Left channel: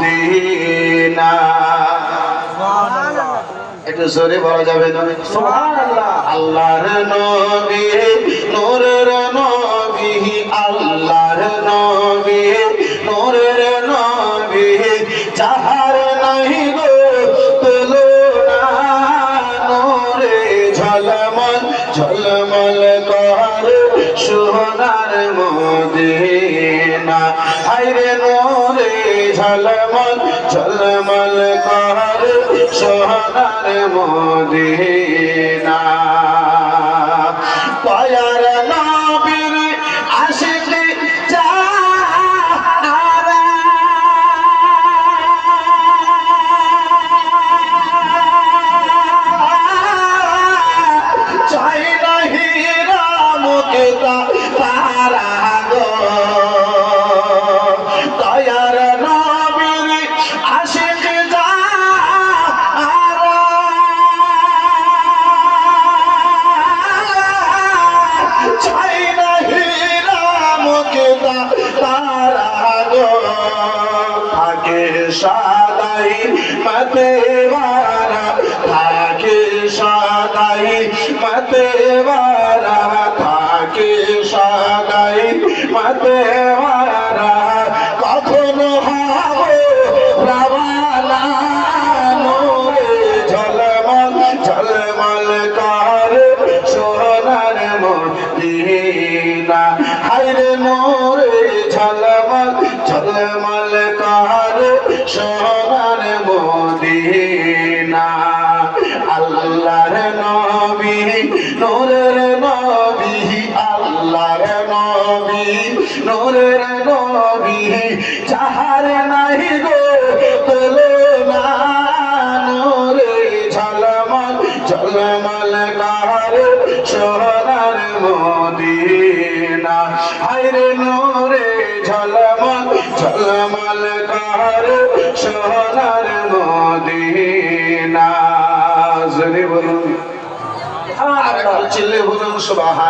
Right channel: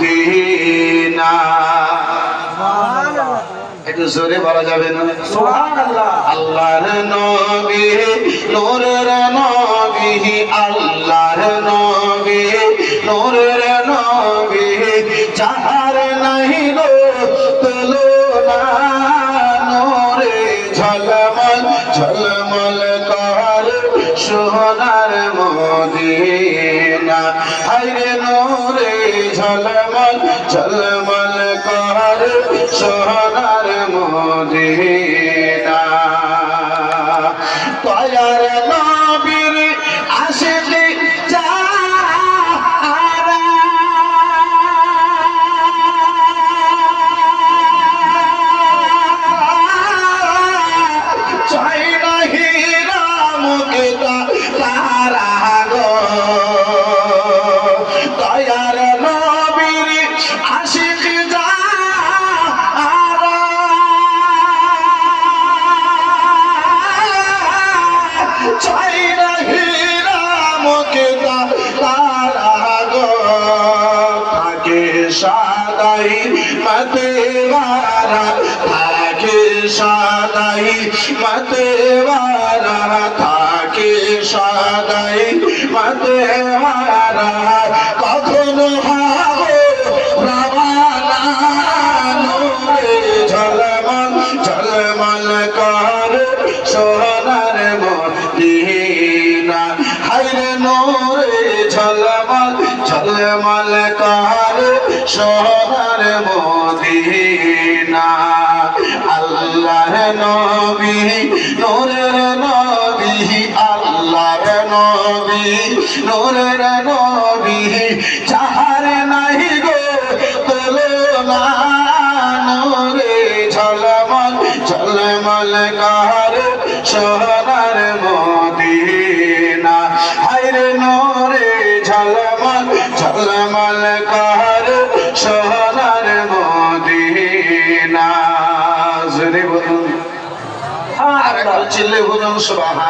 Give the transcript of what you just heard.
Medina. একটু জোরে বলা যাবে না? সুবহানাল্লাহ। আল্লাহর নবী নূরের নবী, আল্লাহর নবী নূরের নবী, যাহার নাই গো তুলনা, নূরে ঝলমল ঝলমল করে সোনার মদিনা। আইরে নূরে ঝলমল ঝলমল করে সোনার মদিনা। দয়ার নবীর আশিকি যারা, চাই না হীরা মুক্তা তারা গো। দয়ার নবীর আশিকি চাই না হীরা মুক্তা তারা গো। থাকে সাদাই মতেওয়ারা, থাকে সাদাই মতেওয়ারা, থাকে সাদাই মতেওয়ারা, কখনো ভাবো রাওয়ানা, নূরে ঝলমল ঝলমল করে সোনার মদিনা। হায়রে নূরে ঝলমল ঝলমল করে সোনার মদিনা। আল্লাহর নবী নূরের নবী, আল্লাহর নবী নূরের নবী, যাহার নাই গো তুলনা, নূরে ঝলমল ঝলমল করে সোনার মদিনা। হায়রে নূরে ঝলমল ঝলমল করে সোনার মদিনা। জোরে বলুন, আর একটু চিল্লে বলুন সুবহান।